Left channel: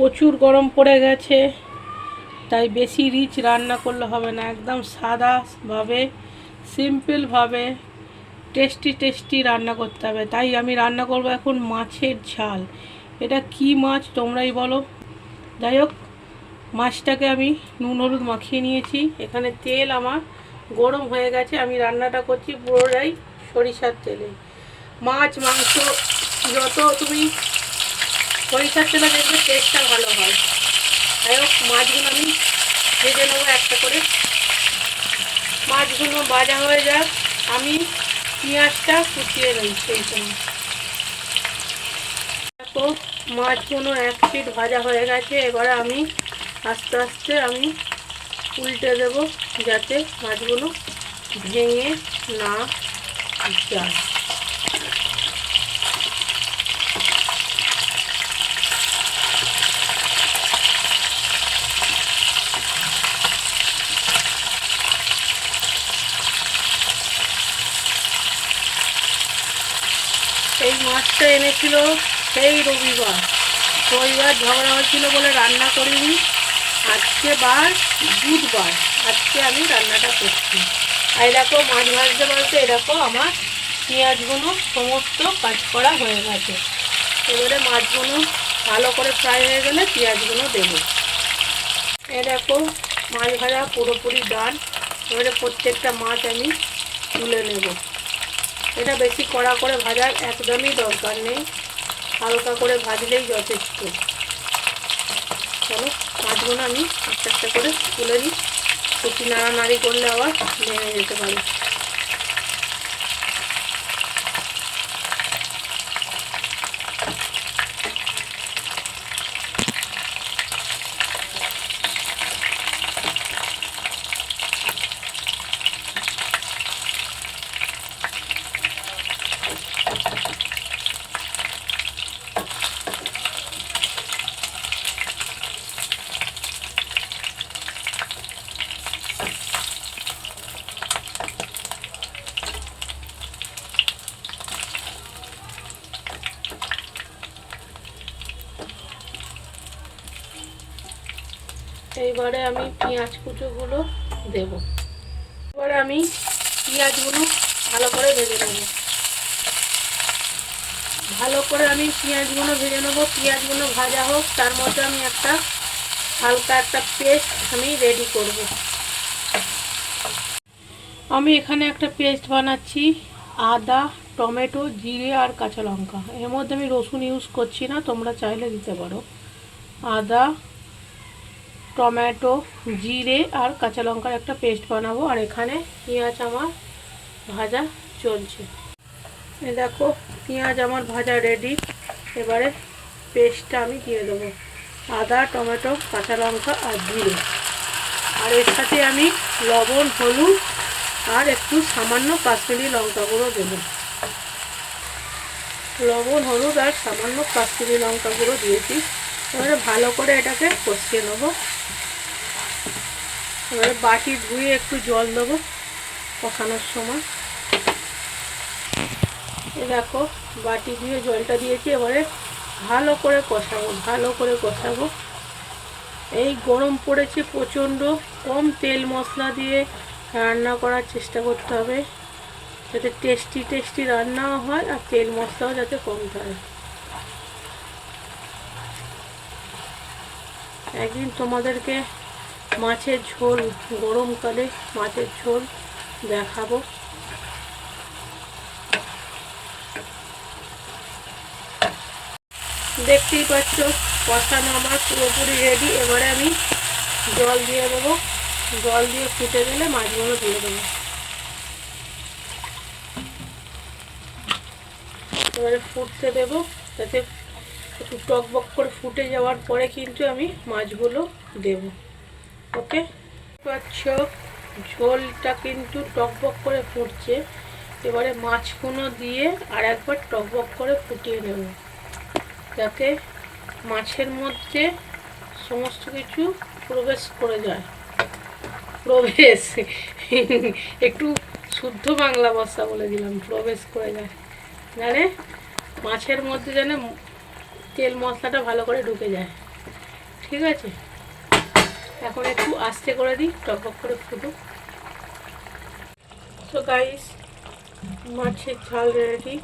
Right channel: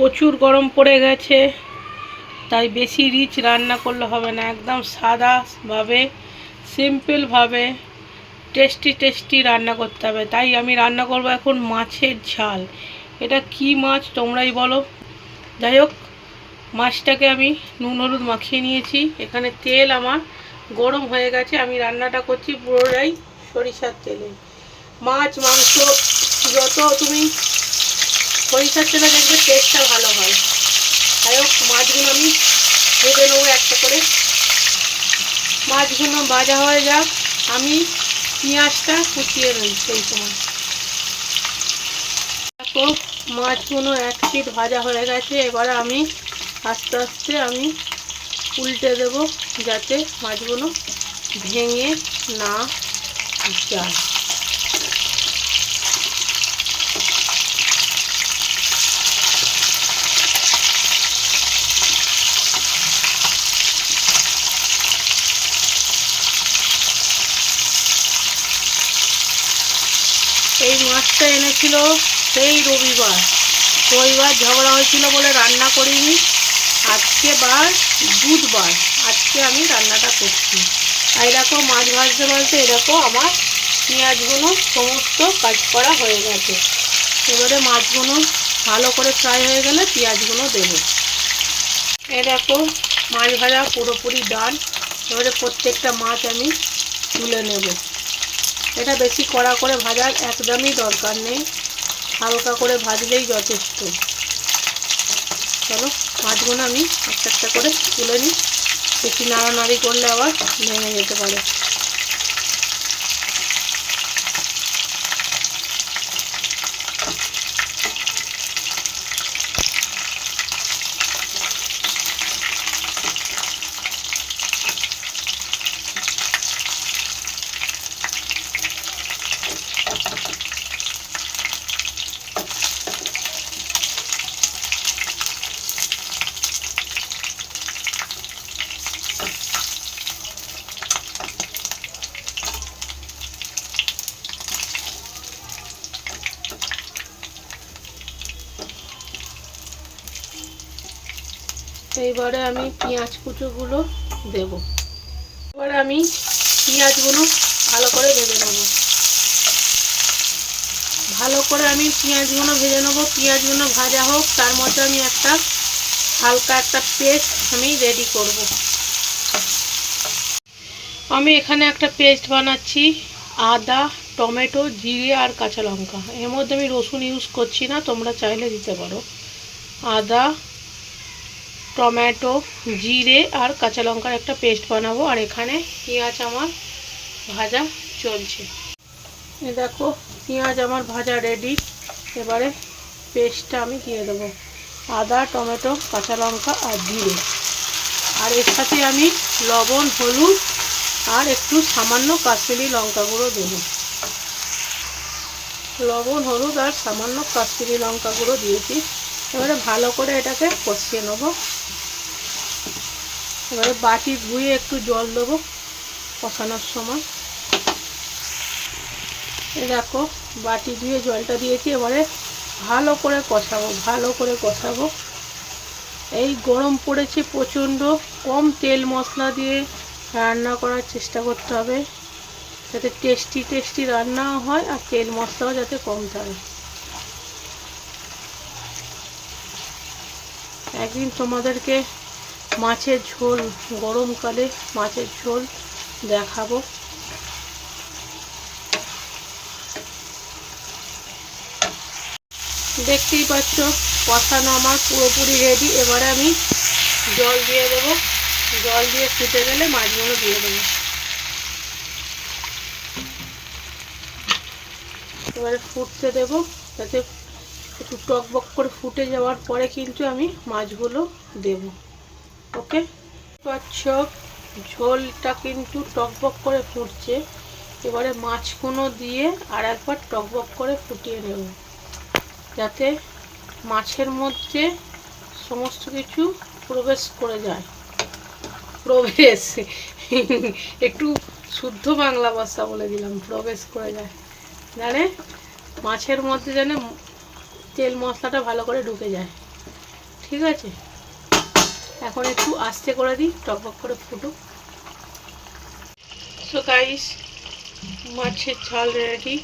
প্রচুর গরম পড়ে গেছে, তাই বেশি রিচ রান্না করলে হবে না। একদম সাদাভাবে সিম্পলভাবে টেস্টি টেস্টি রান্না করতে হবে। তাই আমি রান্না করব এখন মাছের ঝাল। এটা কি মাছ তোমরাই বলো। যাই হোক, মাছটাকে আমি নুন হলুদ মাখিয়ে নিয়েছি। এখানে তেল আমার গরম হয়ে গেছে। আমি রান্নাটা করছি পুরোটাই সরিষার তেলে। মাছ মাংস যত তুমি সরিষার তেলে দেখবে টেস্টটা ভালো হয়। যাই হোক, মাছগুলো আমি ভেজে নেবো একটা করে। মাছগুলো ভাজা হয়ে যাক, আমি পেঁয়াজটা কুচিয়ে নিই সেই সময়। দেখো, মাছগুলো এক পিঠ ভাজা হয়ে গেছে। এবারে আমি আস্তে আস্তে আমি উল্টে দেব, যাতে মাছগুলো ভেঙে না যায়। এই মাছটা এনেছিল সেই রবিবার ঝগড়া হয়েছিল বলে রান্না করিনি। আজকে বুধবার, আজকে আমি রান্নাটা করছি। আর দেখো, মাছ ভাজতে ভাজতে এরকম আমার পেঁয়াজগুলো সমস্ত কাজ করা হয়ে গেছে। এবারে মাছগুলো ভালো করে ফ্রাই হয়ে গেলে পেঁয়াজগুলো দেবো। দেখো, মাছ ভাজা পুরোপুরি ডান। এবারে প্রত্যেকটা মাছ আমি তুলে নেব। এটা বেশি কড়া করে ভাজার একদমই দরকার নেই, হালকা করে ভাজলেই যথেষ্ট। চলো, মাছগুলো আমি একটা একটা করে তুলে নিই। বেশি নাড়ানাড়ি করলে আবার ভেঙে যেতে পারে। এইবারে আমি পেঁয়াজ কুচোগুলো দেব। এবারে আমি পেঁয়াজগুলো ভালো করে ভেজে নেব। পেঁয়াজগুলো ভাজা হোক, তার মধ্যে আমি হালকা একটা পেস্ট আমি রেডি করব। আমি এখানে একটা পেস্ট বানাচ্ছি, আদা, টমেটো, জিরে আর কাঁচা লঙ্কা। এর মধ্যে আমি রসুন ইউজ করছি না, তোমরা চাইলে দিতে পারো। আদা, টমেটো, জিরে আর কাঁচা লঙ্কার একটা পেস্ট বানাবো। আর এখানে পেঁয়াজ আমার ভাজা চলছে। এই দেখো, পেঁয়াজ আমার ভাজা রেডি। এবারে পেস্টটা আমি দিয়ে দেবো, আদা, টমেটো, কাঁচা লঙ্কা আর জিরে। আর এর সাথে আমি লবণ, হলুদ আর একটু সামান্য কাশ্মীরি লঙ্কা গুঁড়ো দেবো। লবণ, হলুদ আর সামান্য কাশ্মীরি লঙ্কা গুঁড়ো দিয়েছি। এবারে ভালো করে এটাকে কষিয়ে নেবো। এবারে বাটি ধুয়ে একটু জল দেবো কষানোর সময়। এই দেখো, বাটি ধুয়ে জলটা দিয়েছি। এবারে ভালো করে কষাবো। এই গরম পড়েছে প্রচণ্ড, কম তেল মশলা দিয়ে রান্না করার চেষ্টা করতে হবে, যাতে টেস্টি রান্নাও হয় আর তেল মশলাও যাতে কম থাকে। একদিন তোমাদেরকে মাছের ঝোল, গরমকালে মাছের ঝোল দেখাবো। দেখতেই পাচ্ছ, কষানো আমার পুরোপুরি রেডি। এবারে আমি জল দিয়ে দেবো। জল দিয়ে ফুটে গেলে মাছগুলো দিয়ে দেবো। এবারে ফুটতে দেবো, যাতে একটু টকবক করে ফুটে যাওয়ার পরে কিন্তু আমি মাছগুলো দেব। ওকে, পাচ্ছ ঝোলটা কিন্তু টকবক করে ফুটছে। এবারে মাছগুলো দিয়ে আর একবার টকবক করে ফুটিয়ে নেব, যাতে মাছের মধ্যে সমস্ত কিছু প্রবেশ করে যায়। একটু শুদ্ধ বাংলা ভাষা বলে দিলাম, প্রবেশ করে যায়, জানে মাছের মধ্যে যেন তেল মশলাটা ভালো করে ঢুকে যায়। ঠিক আছে, এখন একটু আস্তে করে দিই, টকবক করে ফুটুক। সো গাইস, মাছের ঝাল রেডি,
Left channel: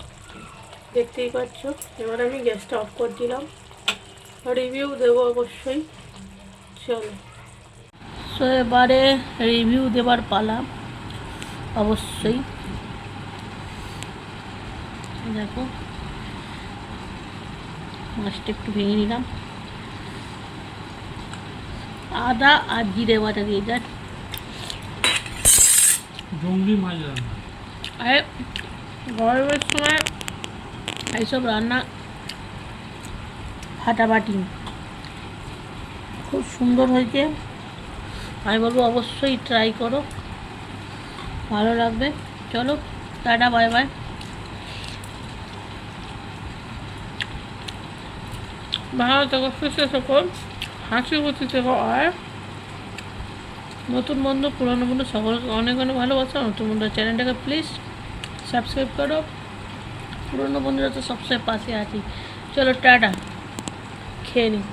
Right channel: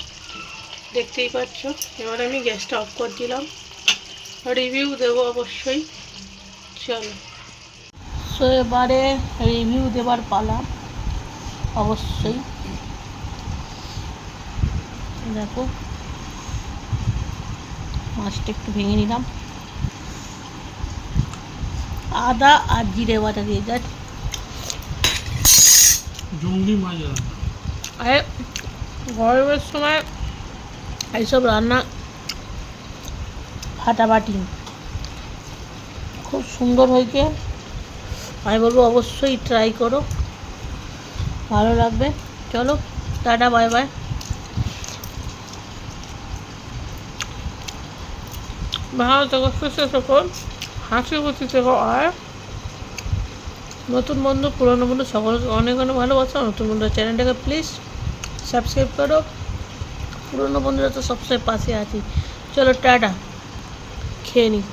দেখতেই পাচ্ছ। এবার আমি গ্যাসটা অফ করে দিলাম, রিভিউ দেবো অবশ্যই। চলো, সো এবারে রিভিউ দেবার পালা অবশ্যই। দেখো মাছটা একটু ভেঙে নিলাম, আদা আর জিরে বাটা দিয়ে যা জঙ্গলি মাছ রান্না। আরে গরমের সময় এইসব রান্না ফাটাফাটি, খুব সুন্দর হয়েছে। আমি বলবো অবশ্যই ট্রাই করো, ভালো লাগবে। চলো টাটা, বাই বাই। ভালো থেকো, সুস্থ থেকো, হাসি খুশি থেকো। আর নতুন বন্ধু পুরনো বন্ধু সকলকে অনেক অনেক ভালোবাসা। নতুন বন্ধু চ্যানেলটাকে প্লিজ সাবস্ক্রাইব করো, পুরনো বন্ধুরা তো সবসময় পাশে আছি। চলো টাটা, খেয়ে নিই।